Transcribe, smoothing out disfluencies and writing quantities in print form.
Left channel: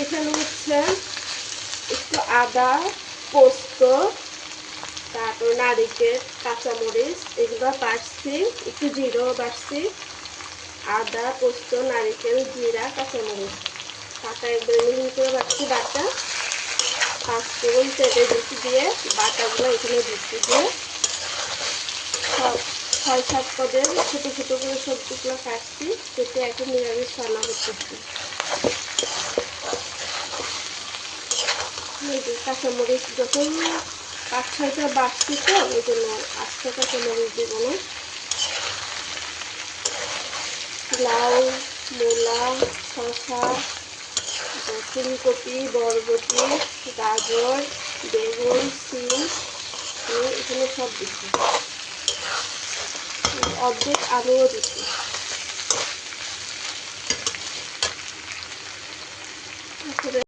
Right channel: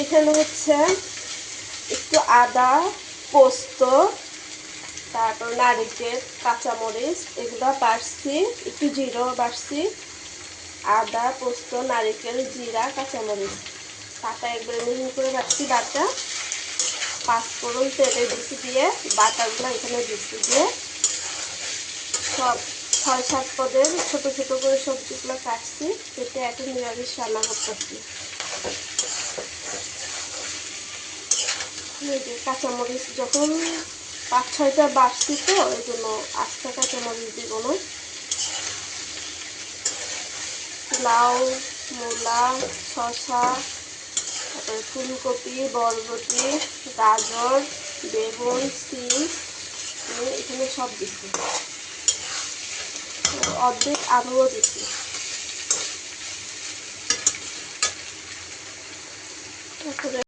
এখানে হচ্ছে একটু আদা, পোস্ত, তারপর নারিকেল, কাঁচামরিচ এগুলো বাটছি, একটু জিরাও বাটছি। আদা, পোস্ত, নারিকেল, জিরা, কাঁচামরিচ বাটা একবারে মিহি করে বাটছি। বাটা পাঁচফোড়ন তেলে দিচ্ছি, দিয়ে বাটাগুলো এখানে দিচ্ছি, দিয়ে সব 6-7 পদের ছোটো ছোটো করে সবজিগুলো কাটছি, কেটে এখন নিরামিষ রান্না করতেছি। কাঁচামরিচ যখন 5-6টা বাড়ছি তো ওই জন্য আস্ত কাঁচামরিচ দিব না। লাউ, মূলা, শসা, তারপর ফুলকপি, বরবটি, গাজর, বেগুন, সিম এখানে সব দিচ্ছি, অর্ধেক আলুও দিচ্ছি। তারপরে